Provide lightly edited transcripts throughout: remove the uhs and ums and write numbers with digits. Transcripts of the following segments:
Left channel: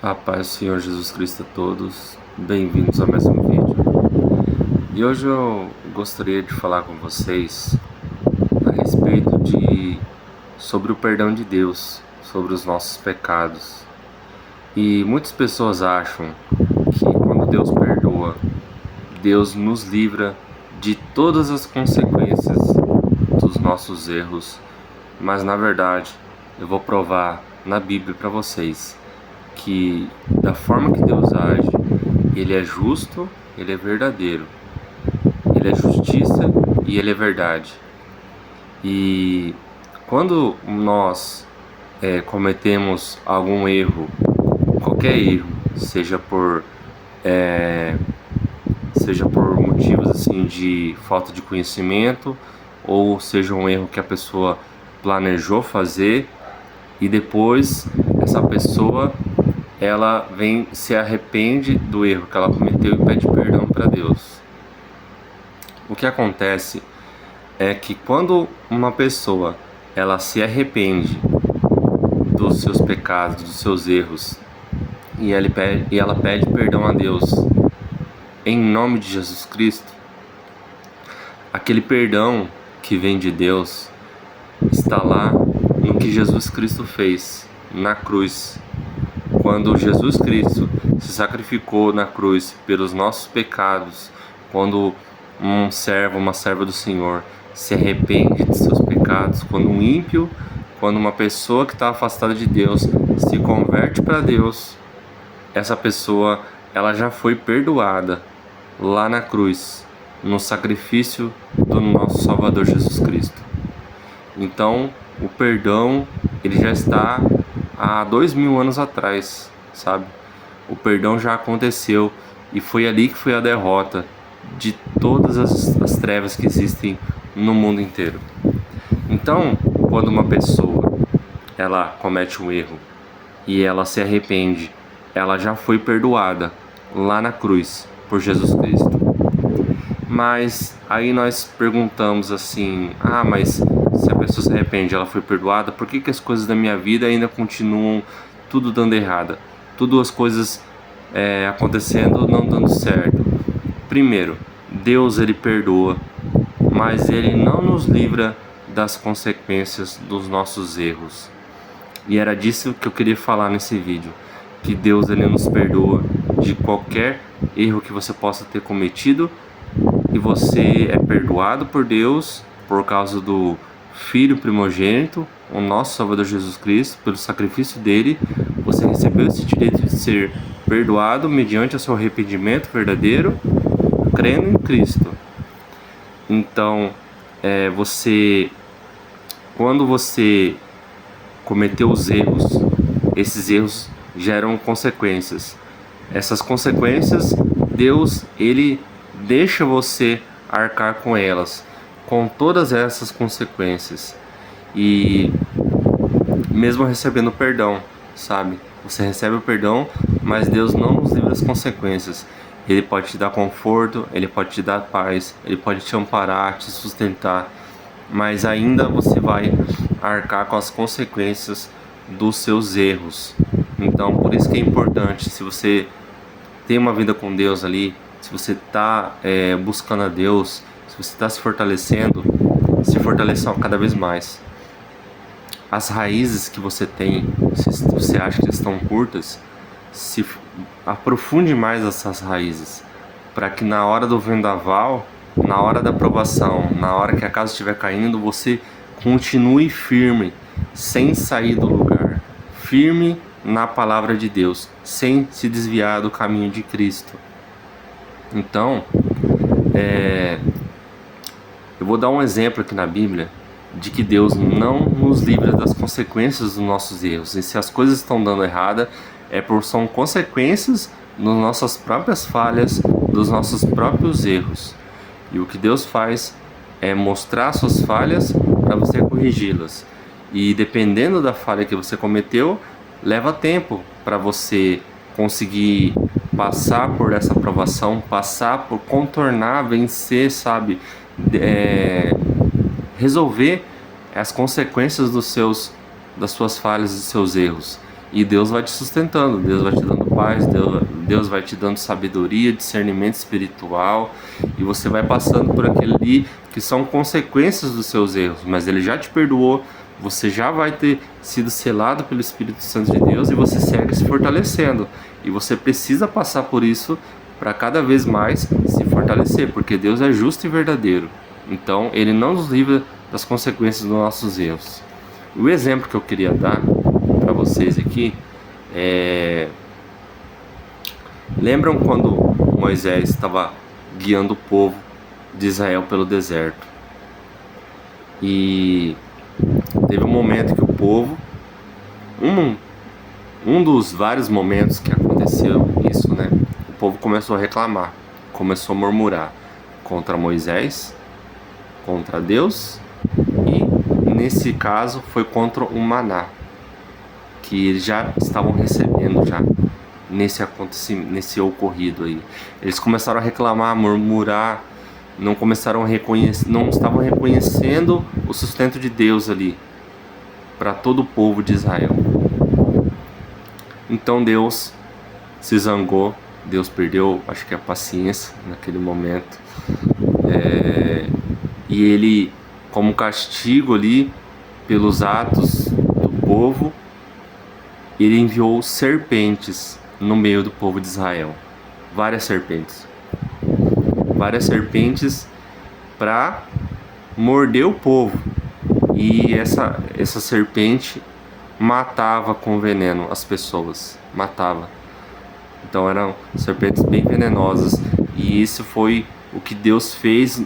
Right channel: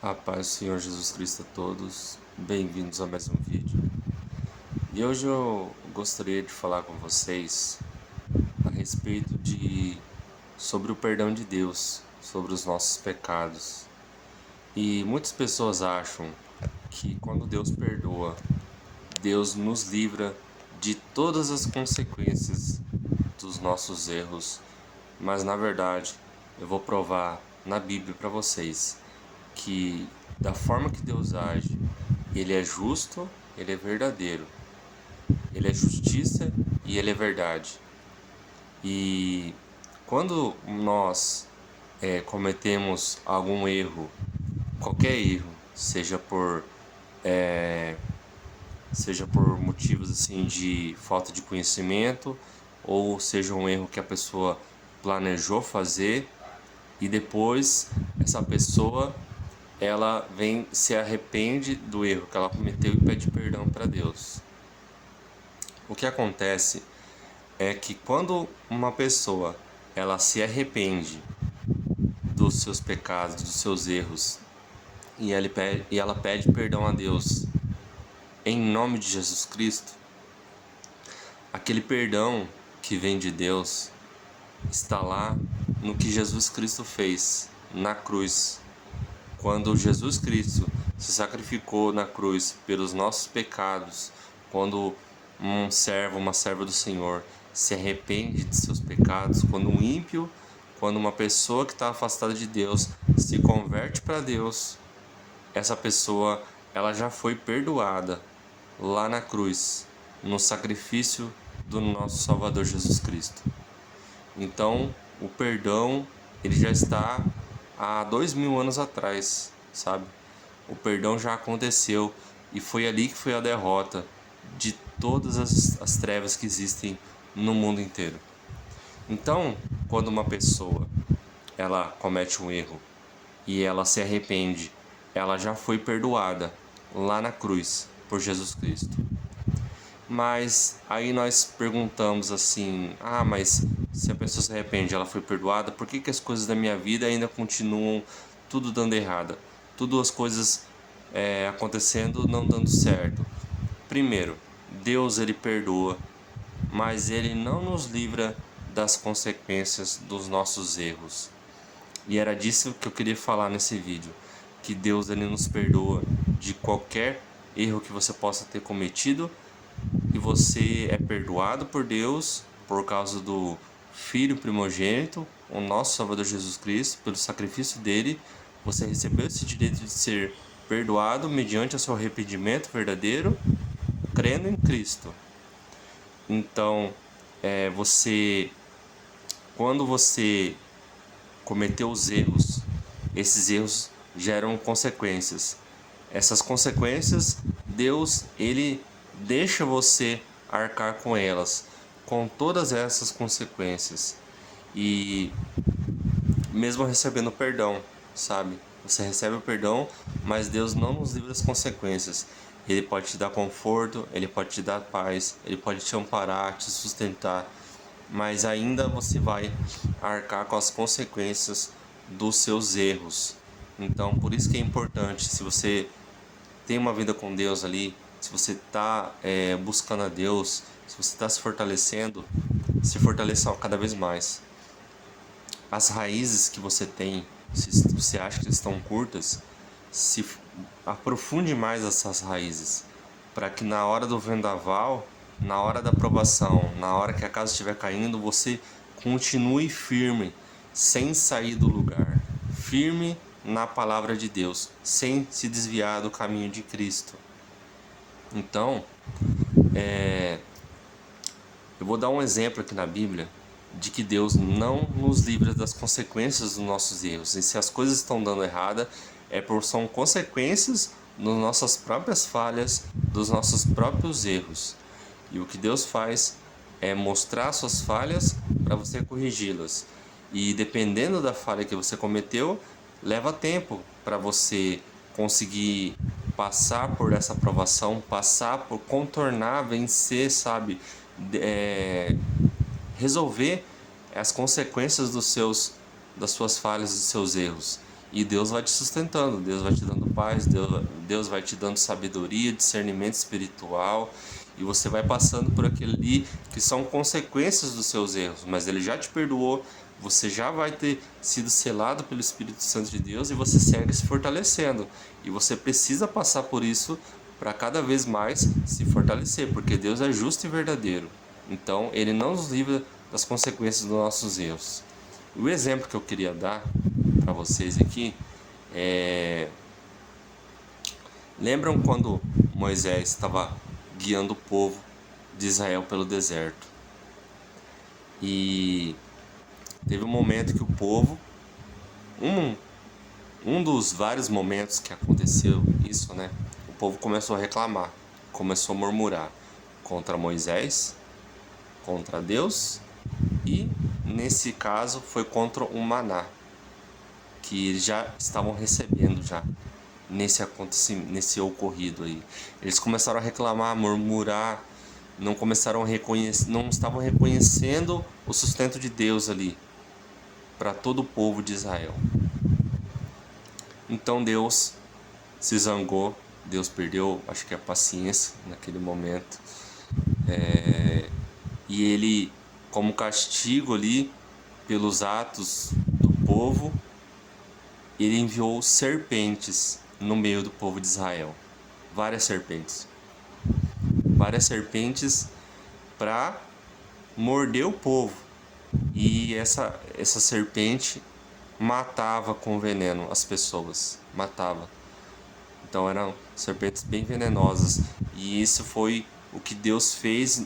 A paz do Senhor Jesus Cristo a todos, bem-vindos a mais um vídeo. E hoje eu gostaria de falar com vocês a respeito sobre o perdão de Deus, sobre os nossos pecados. E muitas pessoas acham que quando Deus perdoa, Deus nos livra de todas as consequências dos nossos erros, mas na verdade eu vou provar na Bíblia para vocês que da forma que Deus age, Ele é justo, Ele é verdadeiro, Ele é justiça e Ele é verdade. E quando nós cometemos algum erro, qualquer erro, seja por motivos assim de falta de conhecimento, ou seja um erro que a pessoa planejou fazer e depois essa pessoa ela se arrepende do erro que ela cometeu e pede perdão para Deus. O que acontece é que quando uma pessoa ela se arrepende dos seus pecados, dos seus erros, e ela pede perdão a Deus em nome de Jesus Cristo, aquele perdão que vem de Deus está lá no que Jesus Cristo fez na cruz. Quando Jesus Cristo se sacrificou na cruz pelos nossos pecados, quando um servo, uma serva do Senhor se arrepende de seus pecados, quando uma pessoa que está afastada de Deus se converte para Deus, essa pessoa ela já foi perdoada lá na cruz, no sacrifício do nosso Salvador Jesus Cristo. Então, o perdão ele já está há 2000 anos atrás, sabe? O perdão já aconteceu e foi ali que foi a derrota de todas as trevas que existem no mundo inteiro. Então, quando uma pessoa ela comete um erro e ela se arrepende, ela já foi perdoada lá na cruz por Jesus Cristo. Mas aí nós perguntamos assim, mas se a pessoa se arrepende, ela foi perdoada, por que as coisas da minha vida ainda continuam tudo dando errada? Tudo as coisas acontecendo não dando certo. Primeiro, Deus ele perdoa, mas ele não nos livra das consequências dos nossos erros. E era disso que eu queria falar nesse vídeo, que Deus ele nos perdoa de qualquer erro que você possa ter cometido, e você é perdoado por Deus por causa do Filho primogênito, o nosso Salvador Jesus Cristo, pelo sacrifício dele. Você recebeu esse direito de ser perdoado mediante o seu arrependimento verdadeiro, crendo em Cristo. Então, quando você cometeu os erros, esses erros geram consequências. Essas consequências, Deus, ele deixa você arcar com elas, com todas essas consequências. E mesmo recebendo perdão, sabe? Você recebe o perdão, mas Deus não nos livra das consequências. Ele pode te dar conforto, ele pode te dar paz, ele pode te amparar, te sustentar, mas ainda você vai arcar com as consequências dos seus erros. Então, por isso que é importante, se você tem uma vida com Deus ali, se você está buscando a Deus, se você está se fortalecendo, se fortaleça cada vez mais. As raízes que você tem, se você acha que estão curtas, se aprofunde mais essas raízes, para que na hora do vendaval, na hora da provação, na hora que a casa estiver caindo, você continue firme, sem sair do lugar, firme na palavra de Deus, sem se desviar do caminho de Cristo. Então, eu vou dar um exemplo aqui na Bíblia de que Deus não nos livra das consequências dos nossos erros. E se as coisas estão dando errada, são consequências das nossas próprias falhas, dos nossos próprios erros. E o que Deus faz é mostrar suas falhas para você corrigi-las. E dependendo da falha que você cometeu, leva tempo para você conseguir passar por essa provação, passar por contornar, vencer, sabe? Resolver as consequências das suas falhas e dos seus erros. E Deus vai te sustentando, Deus vai te dando paz, Deus vai te dando sabedoria, discernimento espiritual, e você vai passando por aquele ali que são consequências dos seus erros, mas Ele já te perdoou, você já vai ter sido selado pelo Espírito Santo de Deus e você segue se fortalecendo. E você precisa passar por isso para cada vez mais se fortalecer, porque Deus é justo e verdadeiro. Então, Ele não nos livra das consequências dos nossos erros. O exemplo que eu queria dar para vocês aqui é... Lembram quando Moisés estava guiando o povo de Israel pelo deserto? E teve um momento que o povo, um dos vários momentos que aconteceu isso, né? O povo começou a reclamar, começou a murmurar contra Moisés, contra Deus, e nesse caso foi contra o maná, que eles já estavam recebendo já nesse acontecimento, nesse ocorrido aí. Eles começaram a reclamar, murmurar, não estavam reconhecendo o sustento de Deus ali para todo o povo de Israel. Então Deus se zangou, Deus perdeu, acho que a paciência naquele momento, e ele, como castigo ali pelos atos do povo, ele enviou serpentes no meio do povo de Israel, várias serpentes para morder o povo, e essa serpente matava com veneno as pessoas, matava. Então eram serpentes bem venenosas, e isso foi o que Deus fez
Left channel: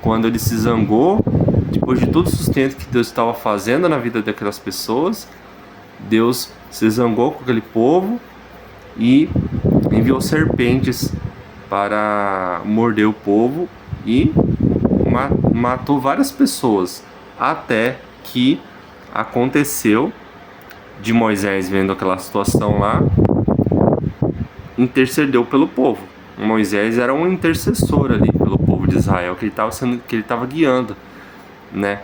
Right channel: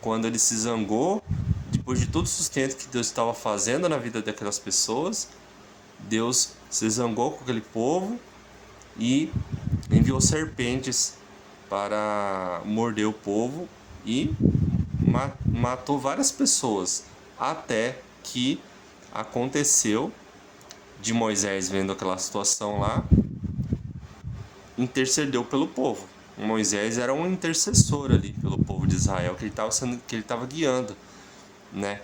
quando ele se zangou, depois de todo o sustento que Deus estava fazendo na vida daquelas pessoas. Deus se zangou com aquele povo e enviou serpentes para morder o povo e matou várias pessoas, até que aconteceu de Moisés, vendo aquela situação lá, intercedeu pelo povo. Moisés era um intercessor ali pelo povo de Israel que ele estava guiando, né?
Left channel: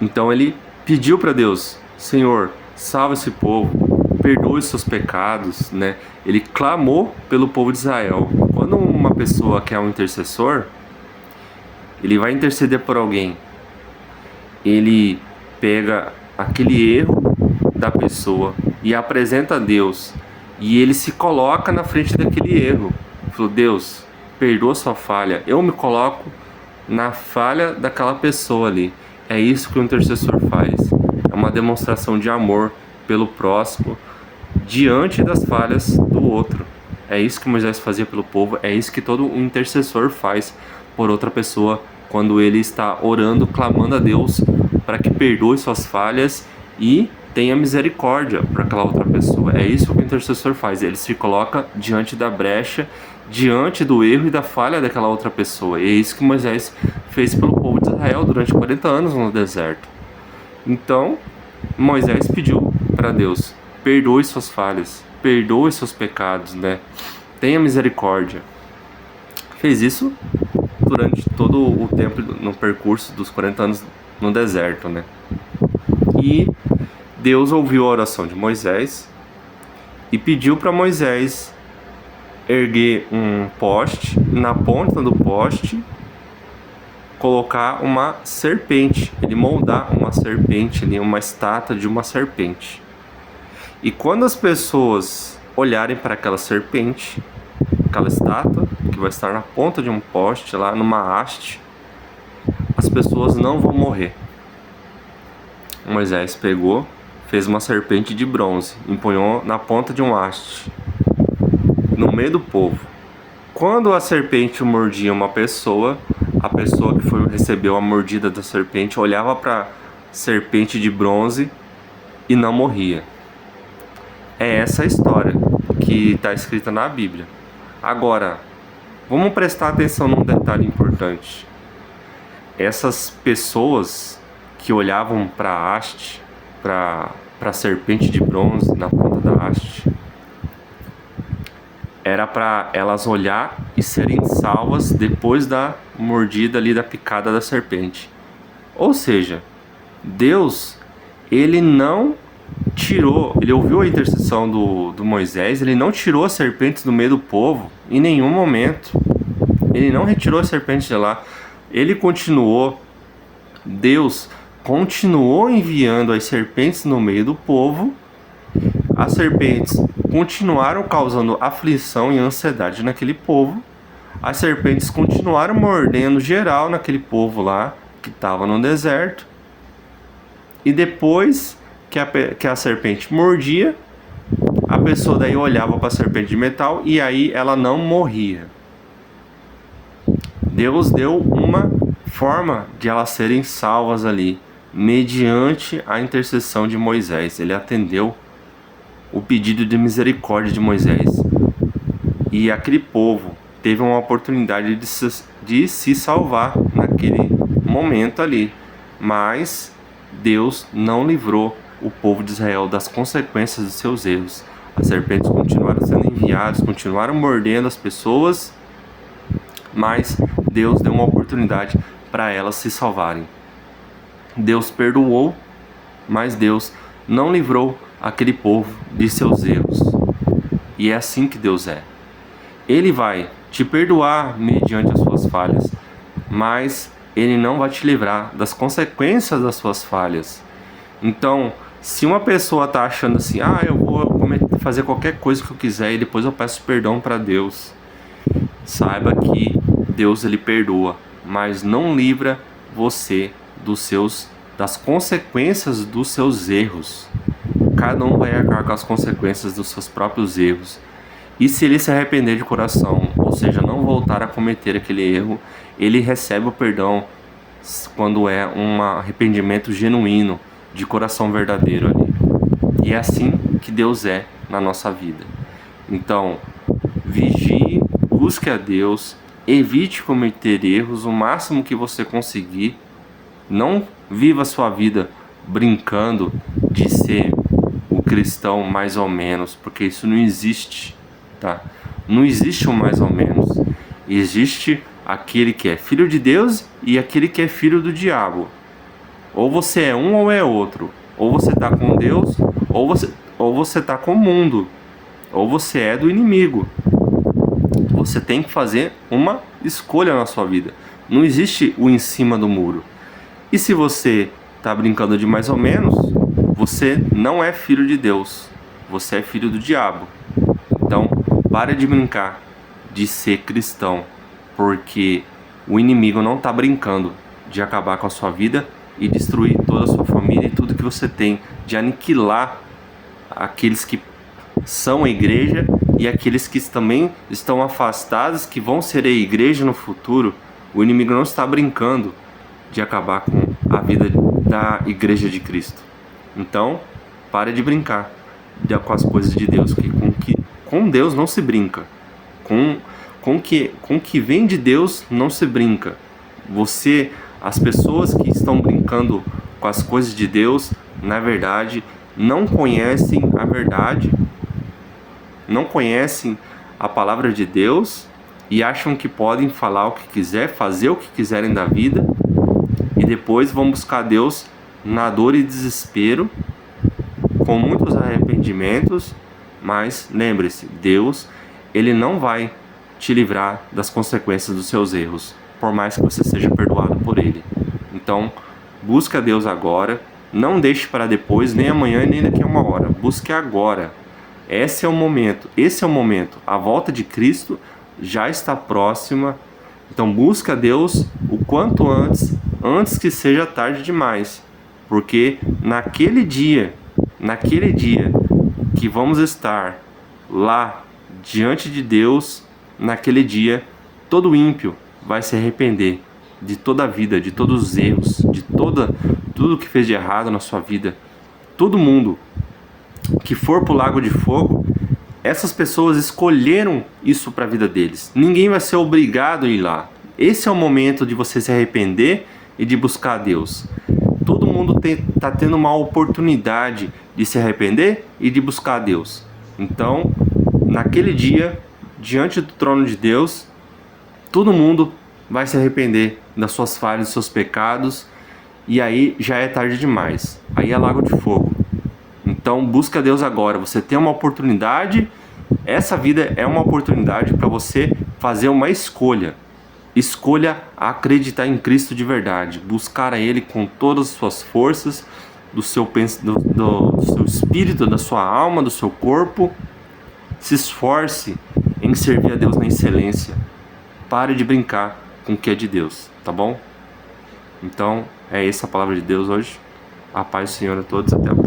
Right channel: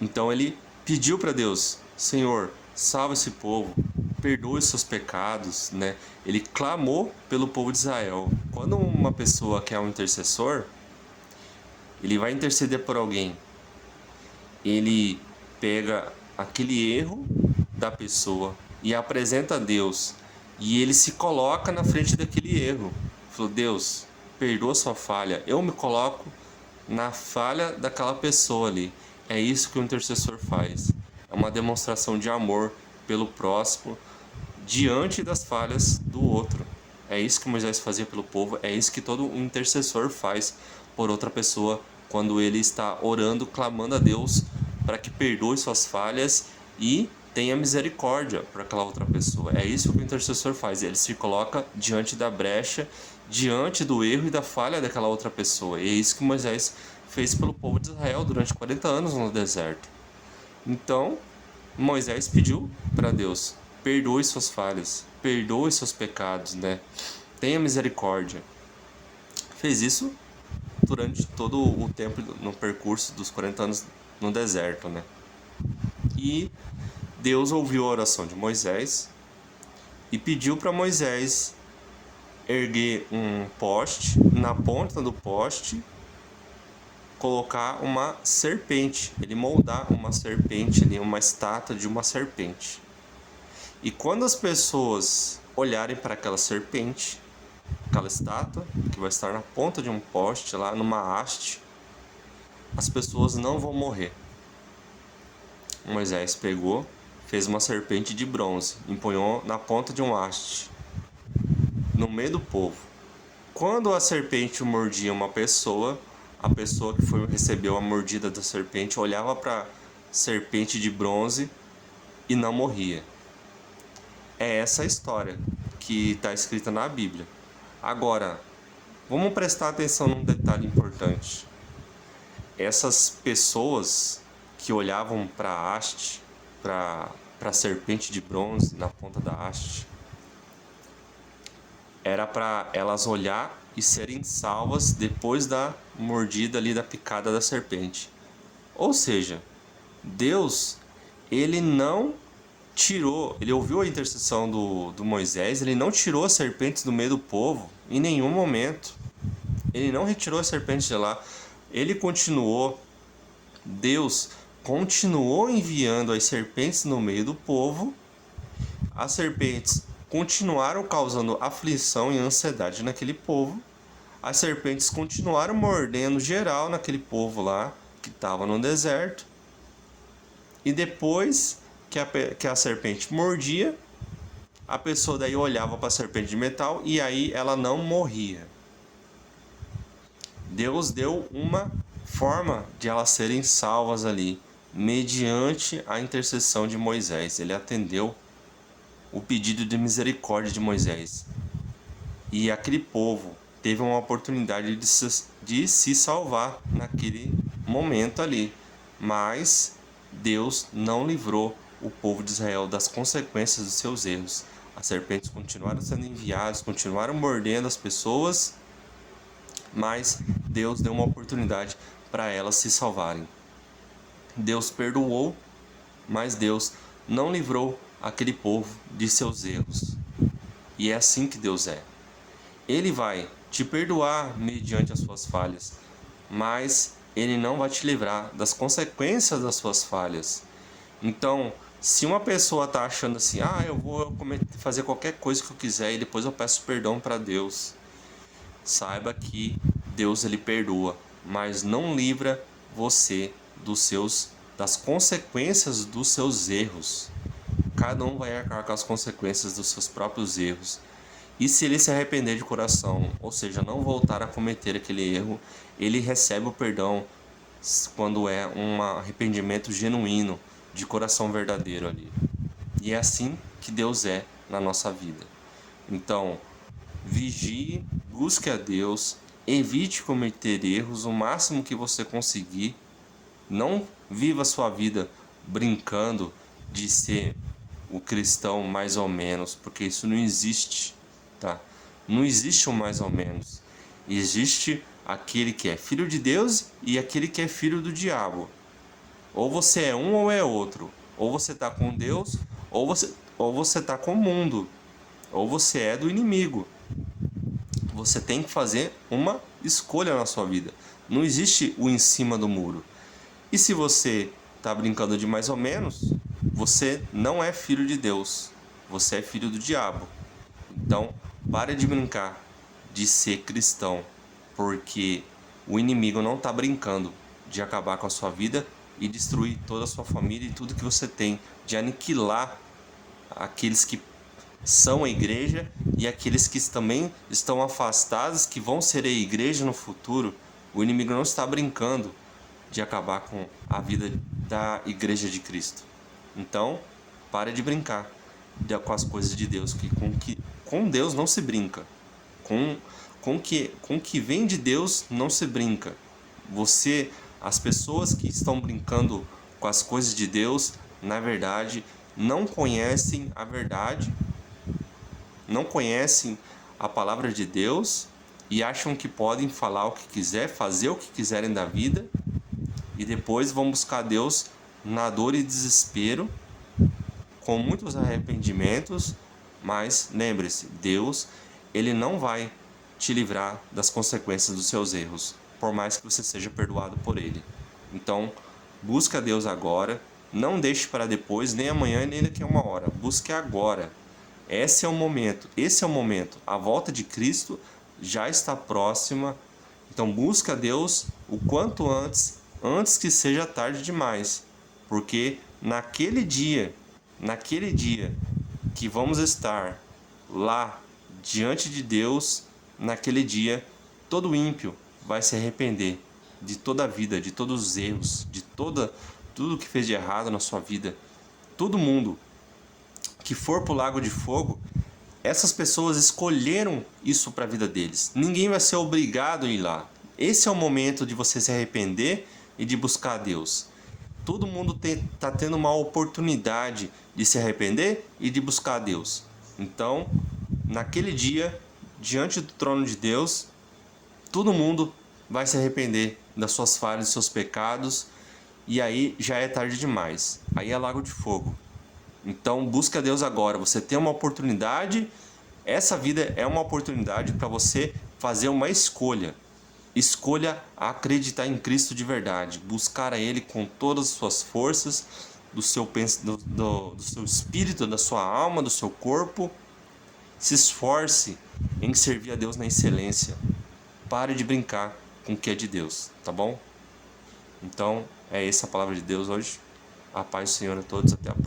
Então ele pediu para Deus: Senhor, salva esse povo, perdoe seus pecados, né? Ele clamou pelo povo de Israel. Quando uma pessoa quer um intercessor, ele vai interceder por alguém. Ele pega aquele erro da pessoa e apresenta a Deus, e ele se coloca na frente daquele erro. Falou: Deus, perdoa sua falha, eu me coloco na falha daquela pessoa ali. É isso que o intercessor faz. É uma demonstração de amor pelo próximo diante das falhas do outro. É isso que Moisés fazia pelo povo, é isso que todo um intercessor faz por outra pessoa quando ele está orando, clamando a Deus para que perdoe suas falhas e tenha misericórdia para aquela outra pessoa. É isso que o intercessor faz, ele se coloca diante da brecha, diante do erro e da falha daquela outra pessoa. E é isso que Moisés fez pelo povo de Israel durante 40 anos no deserto. Então, Moisés pediu para Deus: perdoe suas falhas, perdoe seus pecados, né? Tenha misericórdia. Fez isso durante todo o tempo no percurso dos 40 anos no deserto, né? E Deus ouviu a oração de Moisés e pediu para Moisés erguer um poste, na ponta do poste colocar uma serpente, ele moldar uma serpente ali, uma estátua de uma serpente. E quando as pessoas olharem para aquela serpente, aquela estátua que vai estar na ponta de um poste lá numa haste, as pessoas não vão morrer. Moisés pegou, fez uma serpente de bronze, empunhou na ponta de um haste, no meio do povo. Quando a serpente mordia uma pessoa, a pessoa que recebeu a mordida da serpente olhava para a serpente de bronze e não morria. É essa a história que está escrita na Bíblia. Agora, vamos prestar atenção num detalhe importante. Essas pessoas que olhavam para a haste, para a serpente de bronze na ponta da haste, era para elas olhar e serem salvas depois da mordida ali, da picada da serpente. Ou seja, Deus, ele não ele ouviu a intercessão do Moisés, ele não tirou as serpentes do meio do povo em nenhum momento. Ele não retirou as serpentes de lá. Deus continuou enviando as serpentes no meio do povo. As serpentes continuaram causando aflição e ansiedade naquele povo. As serpentes continuaram mordendo geral naquele povo lá que estava no deserto. E depois que a serpente mordia, a pessoa daí olhava para a serpente de metal e aí ela não morria. Deus deu uma forma de elas serem salvas ali, mediante a intercessão de Moisés. Ele atendeu o pedido de misericórdia de Moisés. E aquele povo teve uma oportunidade de se salvar naquele momento ali. Mas Deus não livrou o povo de Israel das consequências dos seus erros. As serpentes continuaram sendo enviadas, continuaram mordendo as pessoas, mas Deus deu uma oportunidade para elas se salvarem. Deus perdoou, mas Deus não livrou aquele povo de seus erros. E é assim que Deus é. Ele vai te perdoar mediante as suas falhas, mas Ele não vai te livrar das consequências das suas falhas. Então, se uma pessoa está achando assim, eu vou fazer qualquer coisa que eu quiser e depois eu peço perdão para Deus, saiba que Deus ele perdoa, mas não livra você das consequências dos seus erros. Cada um vai arcar com as consequências dos seus próprios erros. E se ele se arrepender de coração, ou seja, não voltar a cometer aquele erro, ele recebe o perdão quando é um arrependimento genuíno, de coração verdadeiro ali. E é assim que Deus é na nossa vida. Então, vigie, busque a Deus, evite cometer erros o máximo que você conseguir. Não viva a sua vida brincando de ser o cristão mais ou menos, porque isso não existe, tá? Não existe um mais ou menos. Existe aquele que é filho de Deus e aquele que é filho do diabo. Ou você é um ou é outro. Ou você está com Deus, ou você está com o mundo. Ou você é do inimigo. Você tem que fazer uma escolha na sua vida. Não existe o em cima do muro. E se você está brincando de mais ou menos, você não é filho de Deus. Você é filho do diabo. Então, pare de brincar de ser cristão, porque o inimigo não está brincando de acabar com a sua vida e destruir toda a sua família e tudo que você tem, de aniquilar aqueles que são a igreja e aqueles que também estão afastados, que vão ser a igreja no futuro. O inimigo não está brincando de acabar com a vida da igreja de Cristo. Então, pare de brincar com as coisas de Deus, com Deus não se brinca. Com que vem de Deus não se brinca. As pessoas que estão brincando com as coisas de Deus, na verdade, não conhecem a verdade, não conhecem a palavra de Deus e acham que podem falar o que quiser, fazer o que quiserem da vida e depois vão buscar Deus na dor e desespero, com muitos arrependimentos. Mas lembre-se, Deus, ele não vai te livrar das consequências dos seus erros, por mais que você seja perdoado por ele. Então, busque a Deus agora, não deixe para depois, nem amanhã, nem daqui a uma hora. Busque agora. Esse é o momento. A volta de Cristo já está próxima. Então, busque a Deus o quanto antes que seja tarde demais. Porque naquele dia que vamos estar lá diante de Deus, naquele dia, todo ímpio vai se arrepender de toda a vida, de todos os erros, de tudo que fez de errado na sua vida. Todo mundo que for para o lago de fogo, essas pessoas escolheram isso para a vida deles. Ninguém vai ser obrigado a ir lá. Esse é o momento de você se arrepender e de buscar a Deus. Todo mundo está tendo uma oportunidade de se arrepender e de buscar a Deus. Então, naquele dia, diante do trono de Deus, todo mundo vai se arrepender das suas falhas, dos seus pecados, e aí já é tarde demais. Aí é lago de fogo. Então busca Deus agora. Você tem uma oportunidade. Essa vida é uma oportunidade para você fazer uma escolha. Escolha acreditar em Cristo de verdade, buscar a Ele com todas as suas forças, do seu espírito, da sua alma, do seu corpo. Se esforce em servir a Deus na excelência. Pare de brincar com o que é de Deus, tá bom? Então, é essa a palavra de Deus hoje. A paz do Senhor a todos, até a próxima.